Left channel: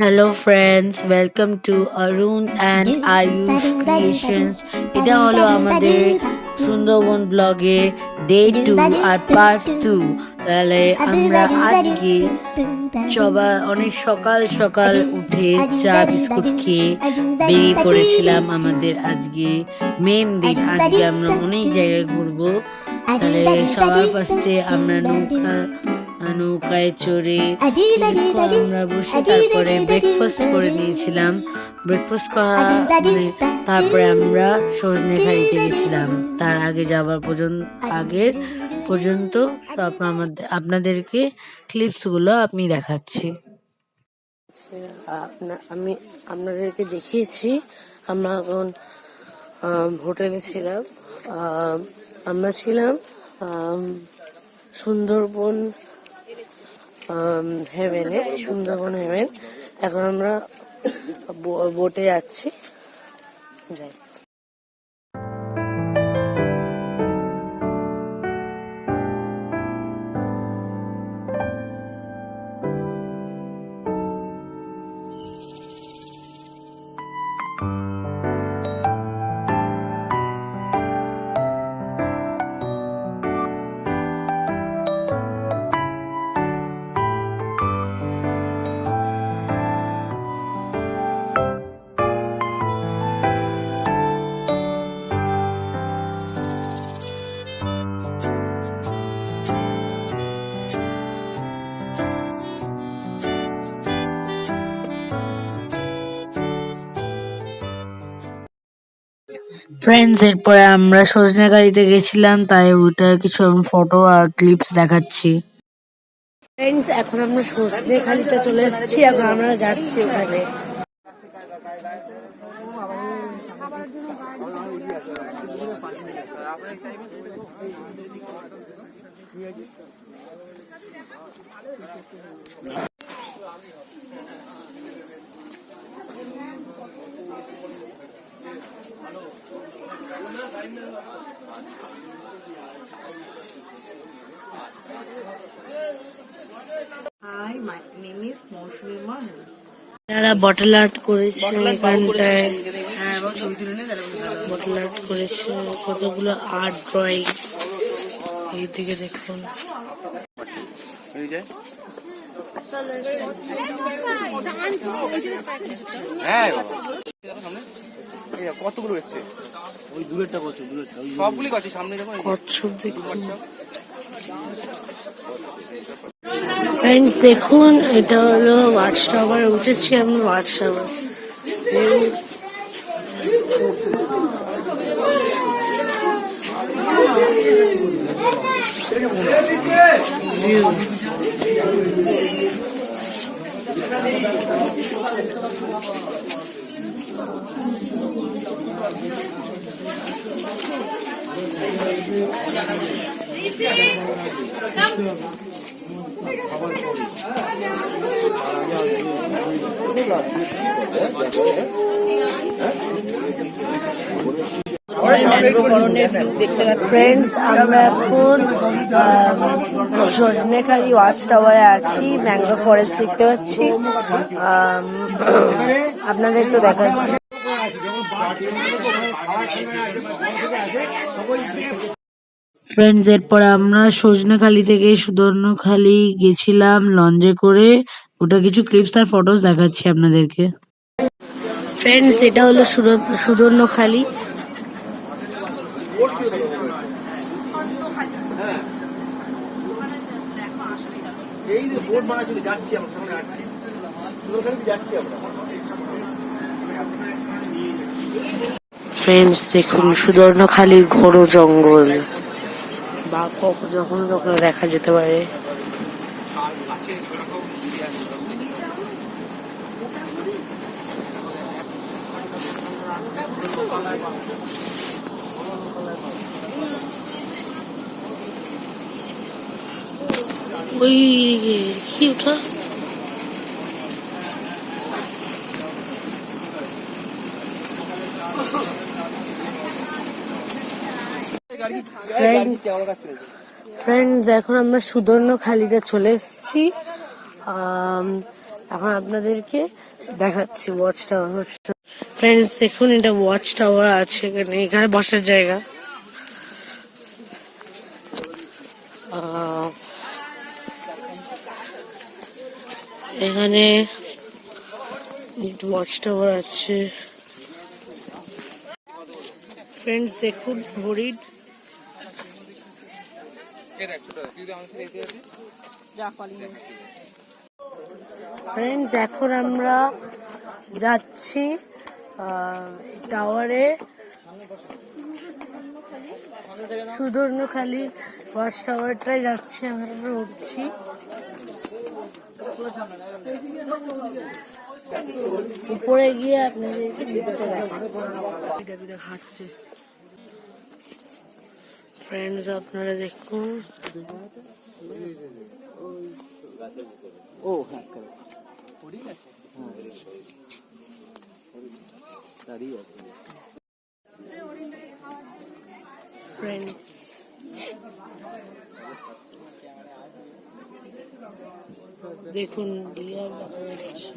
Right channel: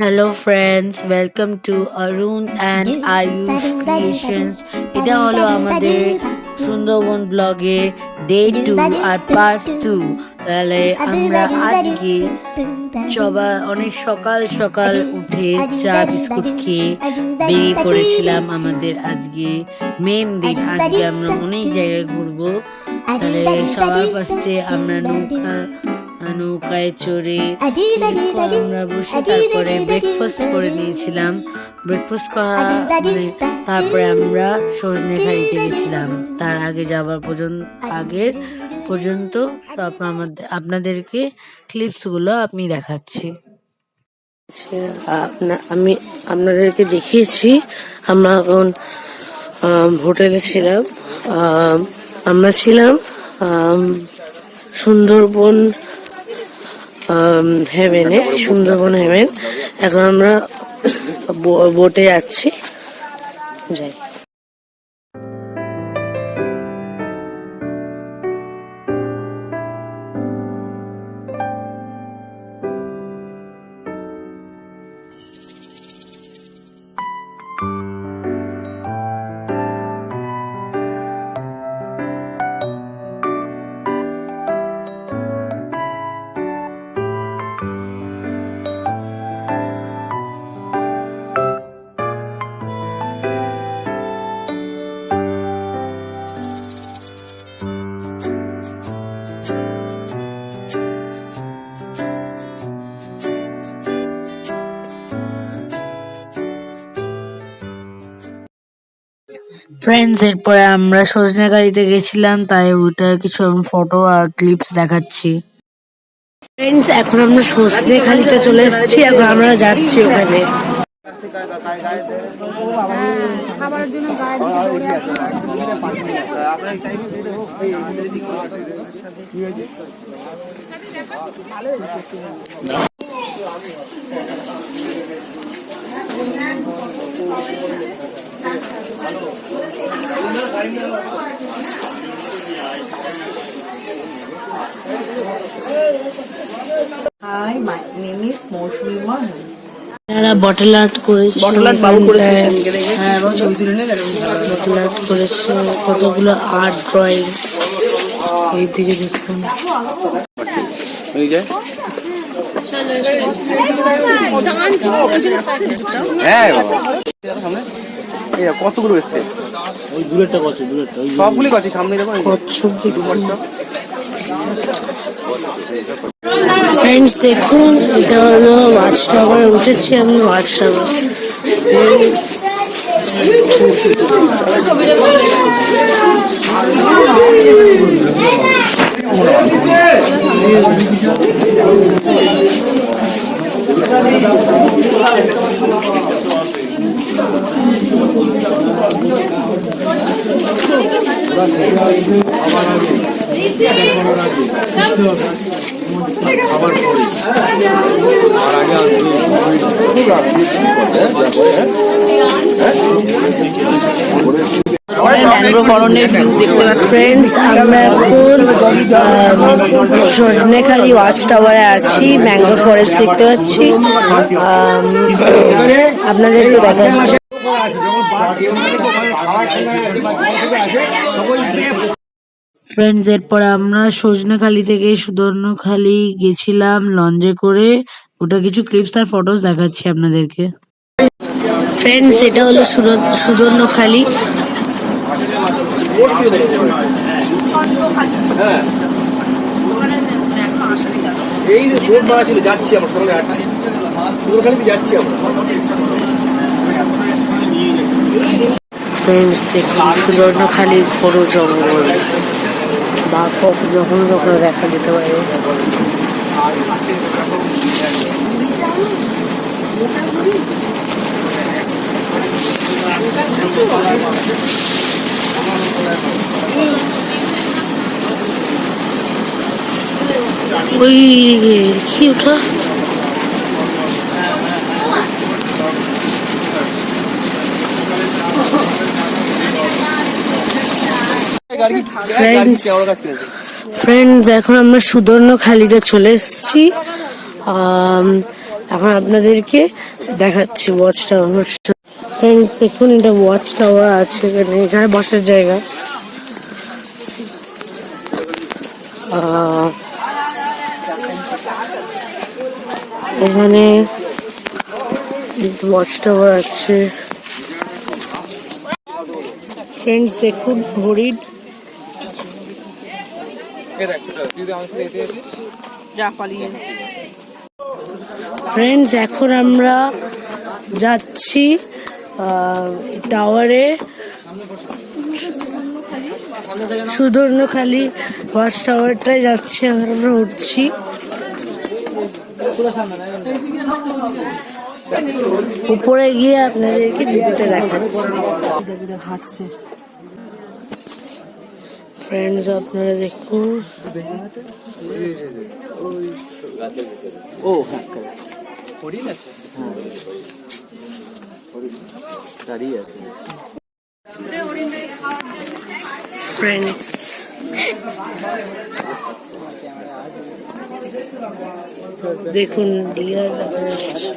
Hello friends, welcome to Arun and Ayush Creations. এটা হলো আমাদের সুন্দরবন ব্লগে ডে 2 আর পার্ট 2। তাহলে আমরা আজকে অনেক সকাল সকাল উঠে চা বিস্কুট খেয়ে বেরিয়ে পড়েছিলাম আমাদের আজকে মেন দিন। আজকে আমরা অনেক জায়গায় ঘুরবো। তাহলে সবার ফার্স্টে আমরা নৌকায় চড়ে আমরা বসে তারপরে ব্রেকফাস্ট করে নিয়েছিলাম। ব্রেকফাস্ট করা তারপরে আমরা সজনেখালিতে গেছিলাম। তার আগে যাবার পর্যন্ত সব আপনাদেরকে ক্লিপসগুলো আমি দেখাচ্ছি। আমি আপনাদেরকে দেখিয়েছি আমরা এখন হোটেলে ছিলাম। আমরা ছিলাম সুন্দরবন সুন্দরবন হেভেন। এখন আমরা বোটে যাচ্ছি। যাই। ফ্রেন্ডস, এরপরে আমরা সজনেখালিতে গেছিলাম, তাই ওটার কিছু ফটো আর ক্লিপস দেখাচ্ছি। ফ্রেন্ডস, এখন আমরা সজনেখালিতে চলে এসেছি। এখন আমরা যাচ্ছি ওখানে। Hi, my name is Mosmi Mohan. এরা বটল আর্ট করেছে, কতগুলো আর্ট ড্রয়িং। এইদিকে দেখুন। কতগুলো এসছে? ওই দূরেরটা কচ্ছপ, সবগুলি কচ্ছপ সামনে দেখুন। কচ্ছপ দেখুন। ফ্রেন্ডস দেখুন, এটা হলো ওয়াচ টাওয়ার। উঠেছি আমি ওয়াচ টাওয়ার। ফ্রেন্ডস, আমরা এখন সজনেখালি ওয়াচ টাওয়ারে আছি। ম্যাঙ্গো ফরেস্ট দেখতে পাচ্ছি, আপনাদেরকে দেখাচ্ছি। ফ্রেন্ডস, এরপরে আমরা সজনেখালি থেকে সুদর্ণখালি গেছিলাম লঞ্চে করে। ওটা কিছু ক্লিপস আর ফটোস দেখাচ্ছি আপনাদেরকে। ফ্রেন্ডস, এটা হলো সুদর্ণখালি। এই যে বোর্ড মারা ছিল, যাচ্ছি আমরা সকালে যাচ্ছি, সুন্দরখালিতে যাচ্ছি আমরা। ফ্রেন্ডস দেখুন, সুদর্ণখালির ঘোর জঙ্গল, বা যখন তখন দেখা যেতে পারে। ওই কি ওঠা? ফ্রেন্ডস, এখন আমরা সুদর্ণখালিতে চলে এসেছি। এখন আপনাদেরকে দেখাচ্ছি ওয়াচ টাওয়ার। ফ্রেন্ডস দেখুন, এটা ওয়াচ টাওয়ার আছে এখানে, এখানে বসার জায়গা। এখানে ওয়াচ টাওয়ার আছে। ফ্রেন্ডস দেখুন হরিণ। ফ্রেন্ডস এখন আমরা যাচ্ছি টাওয়ারে, সুধর্ণখালি ওয়াচ টাওয়ারটায় যাচ্ছি। এখন আমরা উঠছি। উপরে গিয়ে আপনাদেরকে ভিডিওটা দেখাচ্ছি। হাঁটছে। ফ্রেন্ডস আপনারা দেখুন, ও হ্যাঁ হরিণ আছে, দাঁড়িয়ে আছে। ফ্রেন্ডস দেখুন ডিয়ার দেখা যাচ্ছে।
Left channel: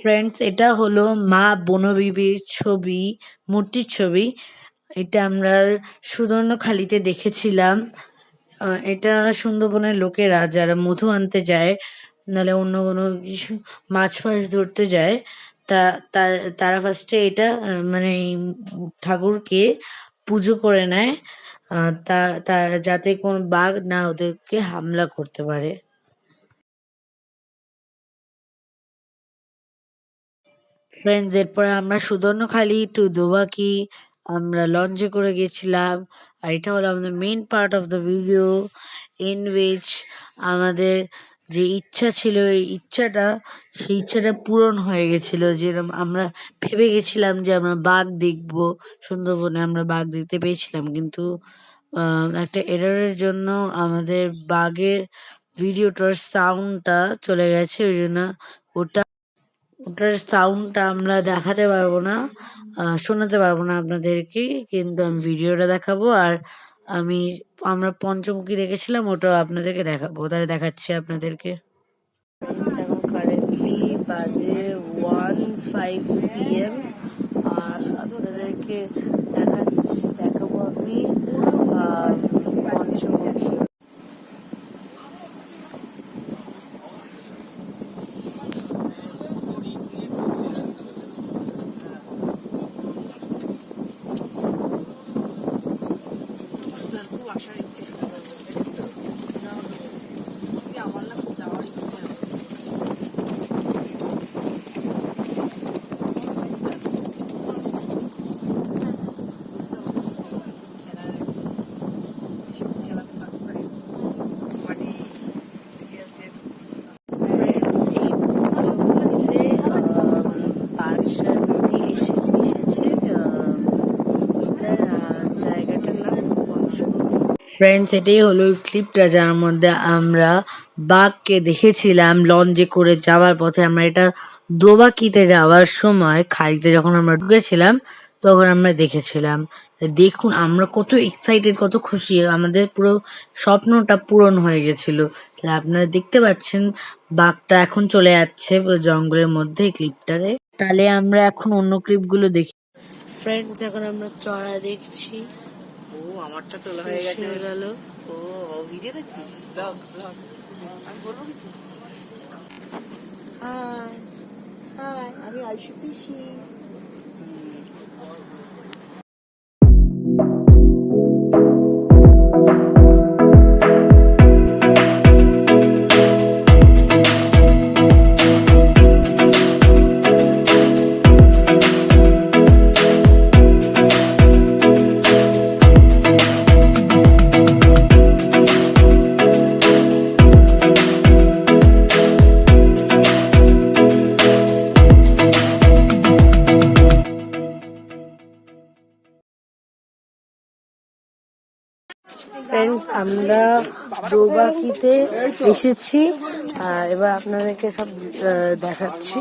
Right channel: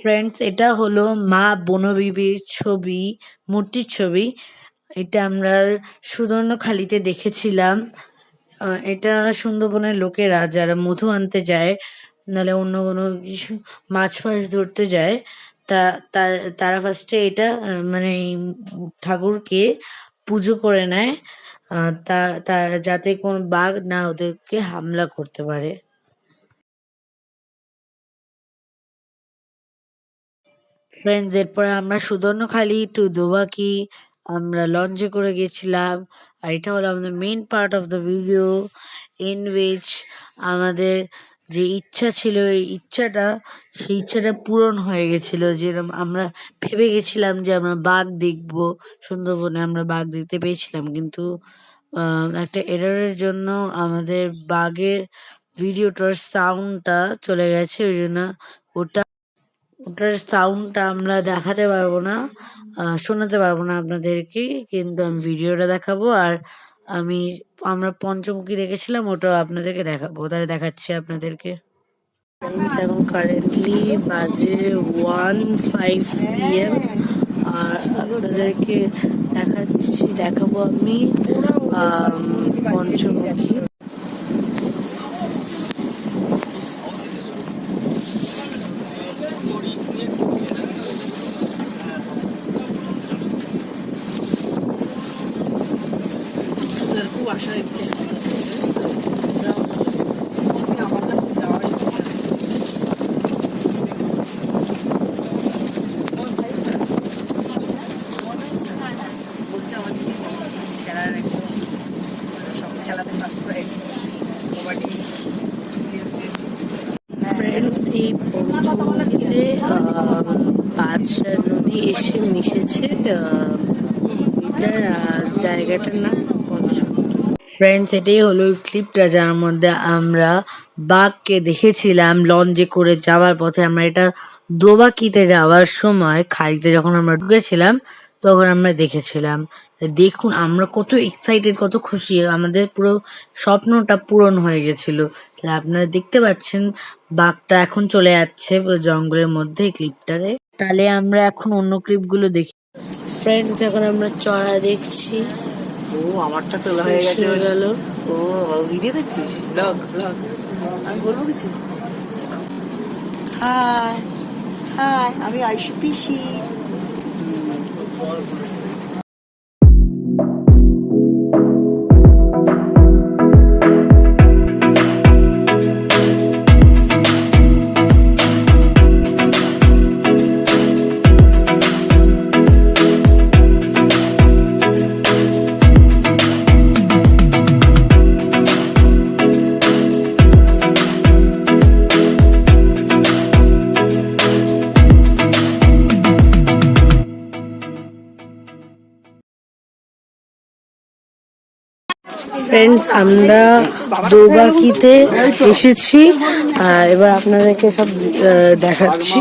ফ্রেন্ডস, এটা হলো মা বনবিবির ছবি, মূর্তির ছবি। এটা আমরা সুধর্ণখালিতে দেখেছিলাম। এটা সুন্দরবনের লোকেরা যারা মধু আনতে যায়, নাহলে অন্য কোনো কিছু মাছ ফাছ ধরতে যায়, তারা ফার্স্টে এটা মানে এই ঠাকুরকে পুজো করে নেয়, তা যাতে কোনো বাঘ না ওদেরকে হামলা করতে পারে। ফ্রেন্ডস, এরপরে আমরা সুধর্ণখালি টু দোবাকি আমরা লঞ্চে করে গেছিলাম। আর এটা হলো আমাদের main part of the video, in which আমাদের যে ইচ্ছা ছিল, সেই ইচ্ছাটা পূরণ হয়ে গেছিল। যেরকম আমরা ভেবে গেছিলাম যে আমরা বাঘ দেখবো সুন্দরবনে, আমরা বাঘ দেখতে পেয়েছিলাম, কিন্তু একটা এররের জন্য আমাদের বাঘের ভিডিওটার সাউন্ডটা চলে গেছে। ওই জন্য ওটার সাউন্ডটা আমরা দেখাতে পারবো না, শোনাতে পারবো না আপনাদেরকে, কিন্তু আমি ভিডিওটা দেখাবো। আর আমরা পঞ্চমুখী দেখেছিলাম, ওটাও আপনাদেরকে দেখাবো। তাহলে দেখাচ্ছি আপনাদেরকে। এখন কারেন্টলি বাজে 1:05 PM, আর আপনাদেরকে দেখাবো আমি পঞ্চমুখী। খুব আশা ইচ্ছে, আমার না খুব যাওয়ার ইচ্ছে। বলছে আমাকে খেলার সব খেলাতে ফার্স্ট প্রাইজ, কবাডি, ফ্রেন্ডস এই পঞ্চমুখীতে 5 নদী এসে মিশেছে। এটার জায়গাটার নাম পঞ্চমুখী। ফ্রেন্ডস, এটাই হলো ওই ক্লিপটা যার মধ্যে আমরা বাঘকে দেখেছিলাম লঞ্চে করে যাওয়ার পথে। আমরা এটা দোবাকিতে যাওয়ার সময় খাড়িতে যখন আমরা ঢুকেছিলাম তখন আমরা দেখেছিলাম। দেখুন আমরা কত এক্সাইটেড, কত খুশি, আমাদের পুরো স্বপ্নটা পূরণ হয়ে গেছিল। তাহলে আপনারা দেখতে পাচ্ছেন বাঘটা এখন চলে যাচ্ছে পুরো জঙ্গলের মধ্যে এই ক্লিপটাতে। তাহলে আমরা এখন অন্য ক্লিপগুলো দেখি। ফ্রেন্ডস এখন আমরা চড়া দেখছি। ও আমারটা তোলা হয়ে গেছে। গেল। ও ভিডিও দেখছিস? ব্লগ আমি বলবো কিছু? হাই হাই, আমি আয়ুষী পিসি। ফ্রেন্ডস আমরা দোবাকিতে এসেছি, এবার আপনাদেরকে সব দেখাচ্ছি।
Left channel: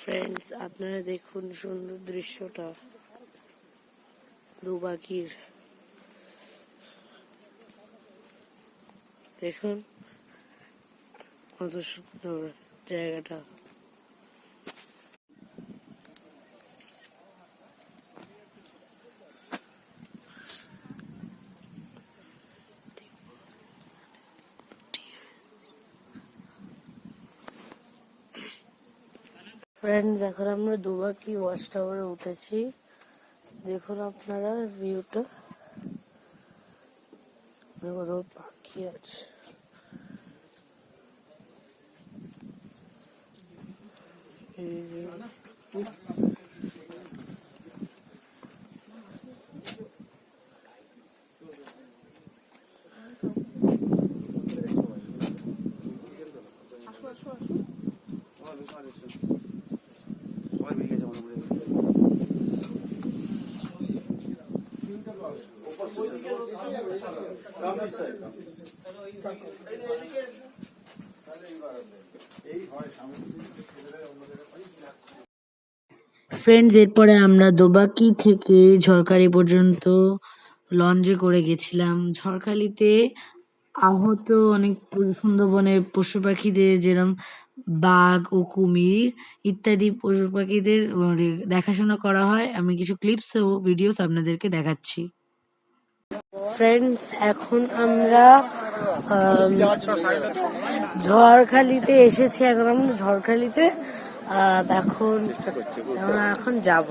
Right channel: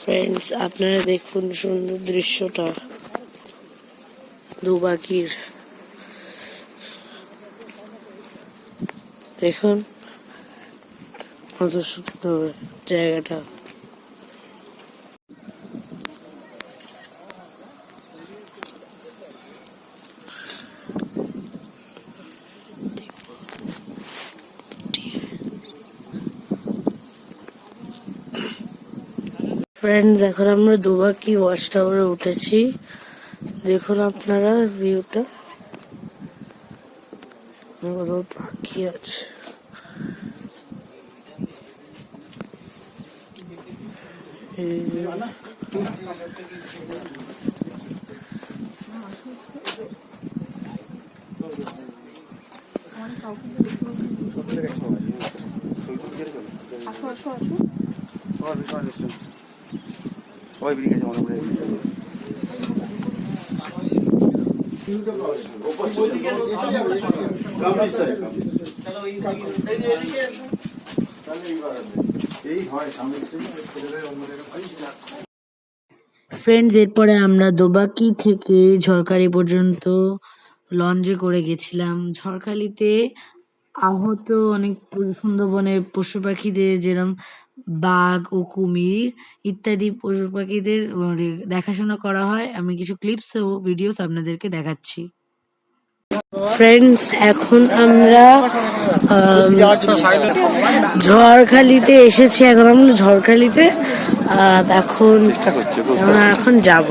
ফ্রেন্ডস আপনারা দেখুন সুন্দর দৃশ্যটা দোবাকির, দেখুন কত সুন্দর জায়গাটা। ফ্রেন্ডস এখন আমরা দোবাকি ওয়াচ টাওয়ারে উঠেছি, দেখুন আপনারা ভিউটা, কোথাও পাখি আছে। ফ্রেন্ডস এরপরে আমরা দোবাকি থেকে ঝড়খালি পর্যন্ত লঞ্চে করে গেছিলাম। ঝড়খালিতে আহত অনেক সুন্দরবনের পশু পাখিদের, যেরকম বাঘ ও কুমির ইত্যাদি পশু পাখিদের দেখাশোনা করা হয়। আমি কিছু ক্লিপস ও ভিডিওস আপনাদেরকে দেখাচ্ছি। ফ্রেন্ডস এখন আমরা ঝড়খালিতে এসেছি, এখন আমরা ঝড়খালিতে এখন আমরা এখন যাব।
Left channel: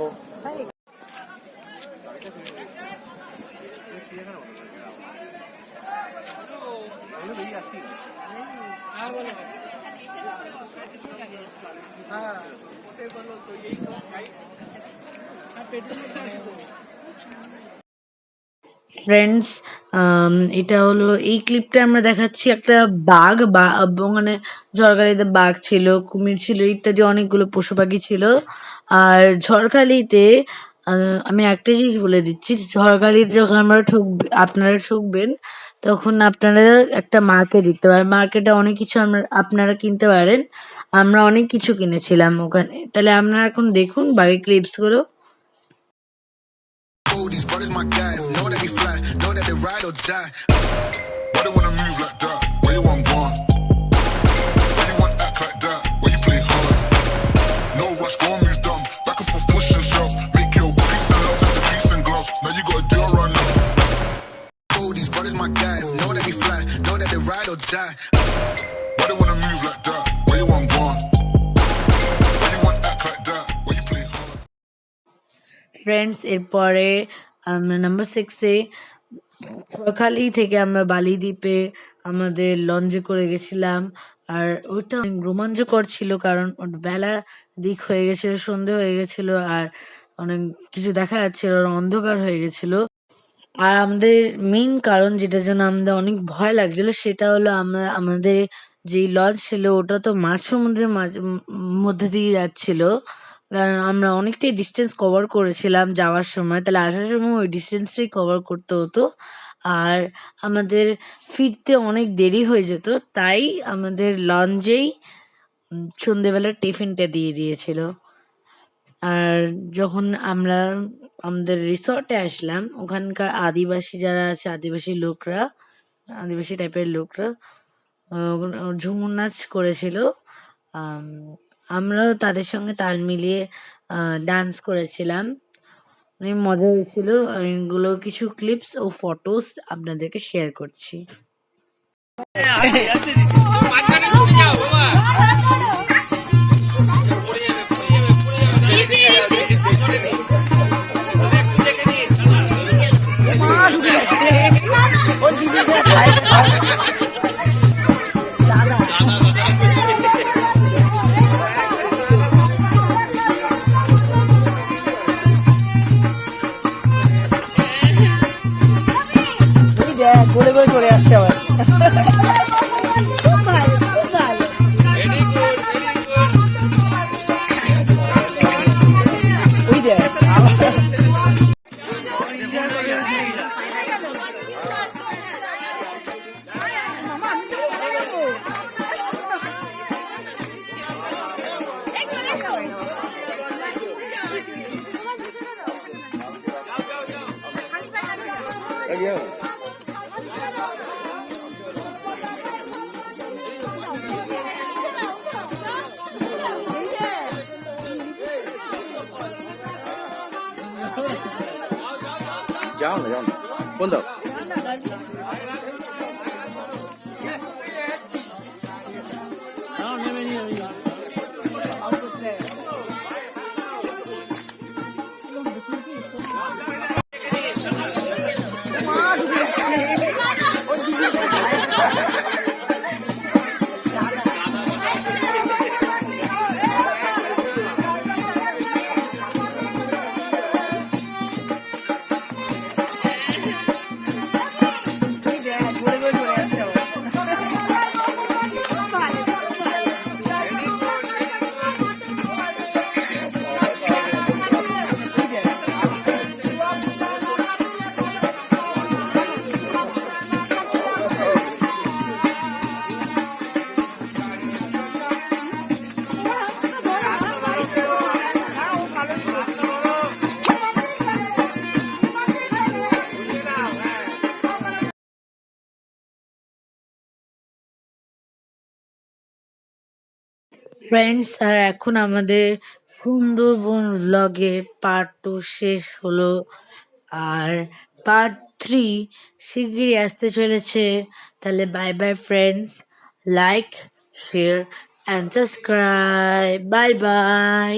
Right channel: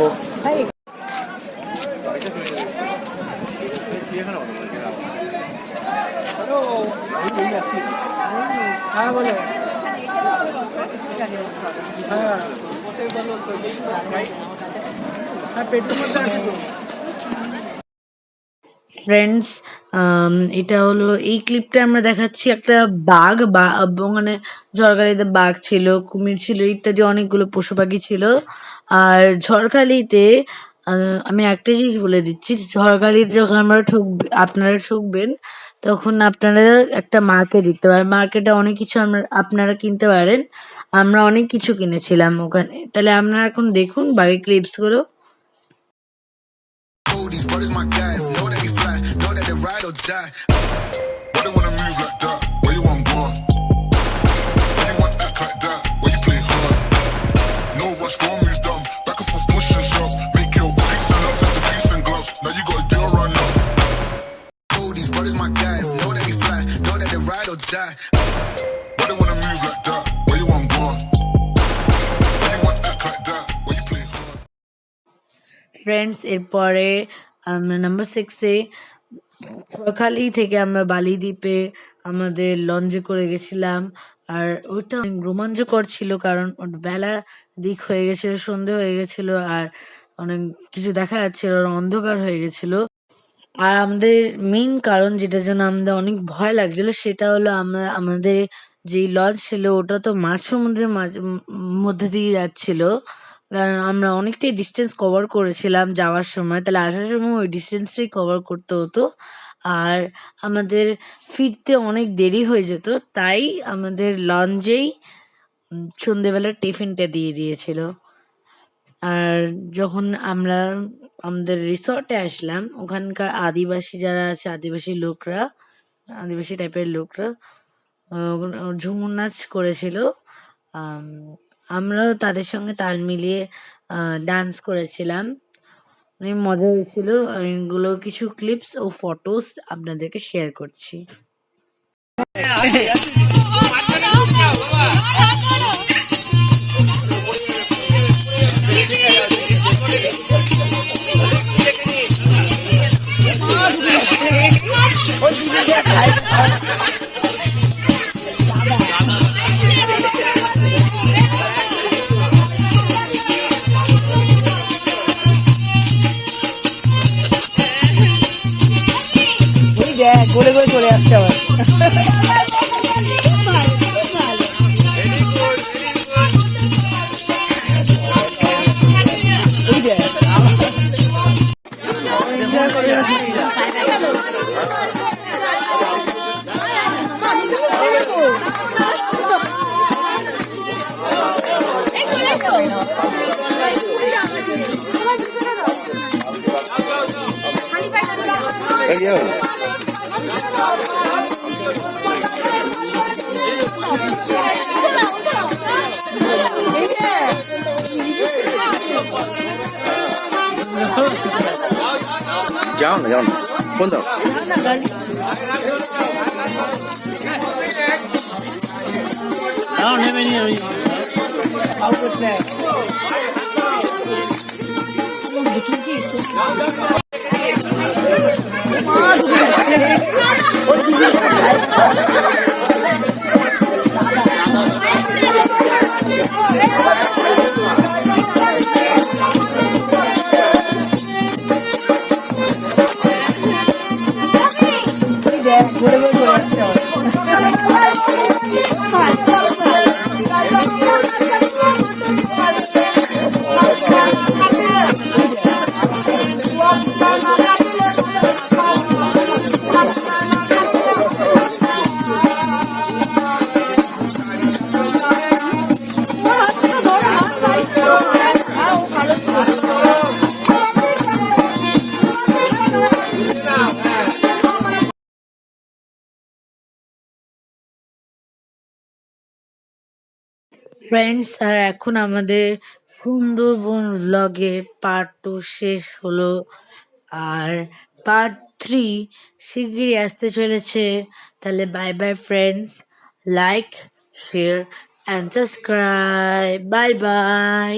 ফ্রেন্ডস এটা হলো, এই ক্লিপটা আমরা দেখাচ্ছি একটা বাঘ মানে ঝড়খালিতে বাঘ ছিল, কুমির ছিল ইত্যাদি অনেকগুলো পশু পাখি ছিল। আর ঝড়খালিতে আমি একটা জিনিস বলে দিচ্ছি, ঝড়খালিতে যখন আপনারা ঠুকবেন তখন আপনারা একটা মার্কেট দেখতে পারেন। মার্কেটে অনেক কিছু আপনারা কিনতে পারেন। আমরা অনেক কিছু কিনেছিলাম ওখানে। তাহলে আপনারা এখন দেখুন বাকি ক্লিপস গুলো। These brothers my guys, know that we fly, know that they ride or die. Why they wanna move like that? Where you want gone? Why you want act like that? Why you play hard? No rush, go and move dumb. Back and forth, push and shove. Make your peace and love into peace and gloves. Now you gotta do it right now. These brothers my guys, know that we fly, know that they ride or die. Why they wanna move like that? Where you want gone? Why you want act like that? Why you play hard? Friends এরপরে আমরা number 6-এ Jharkhali থেকে আমরা বালি দ্বীপে আমাদের লঞ্চে করে গেছিলাম। আর ওইটা অনেক রোমাঞ্চকর ছিল, কারণ বেলা দিক হয়ে গেছিল, সন্ধে হয়ে গেছিল, আর অনেক কিছু দেখা যাচ্ছিল, অন্ধকার হয়ে গেছিল। আর আমাদের মেইন কারণ যেটার জন্য আমাদের অনেক ভয় লাগছিল সেটা হলো আমাদের যে লঞ্চ ছিল ওটা তো মাঝ সমুদ্রের মধ্যে দিয়ে যাচ্ছিল। কারণ আমরা অনেকটাই ডিস্টেন্স কভার করেছিলাম যাওয়ার সময়, তাহলে আসার সময় ওই ডিস্টেন্সটাই কভার করতে হতো। আর আমাদের ফিরতে অনেক দেরি হয়ে যেত, তাই আমাদের লঞ্চেই সন্ধেবেলার টিফিনটা দিয়ে দিয়েছিল। আর যখন আমরা আমাদের রিসর্টে আসলাম, ওখানকার আদিবাসী যারা আছে, আদিবাসী টাইপের লোকরা ঝুমুর নাচ করেছিল। আমরাও তাদের সঙ্গে তাল মিলিয়ে ডান্স করেছিলাম, অনেক মজা হয়েছিল। এগুলো কিছু ক্লিপস ও ফটোস আপনাদেরকে শেয়ার করছি। গলে গলে চলে আসছে আবার। ওই যে যাও না যাও না ফোন দাও ফ্রেন্ডস, আর এখন আমাদের সুন্দরবন ব্লগের পার্ট 2 শেষ হলো, আর পার্ট 3 শিগগিরই আসতে চলেছে। তাহলে bye bye friends, like, share and subscribe, bye bye.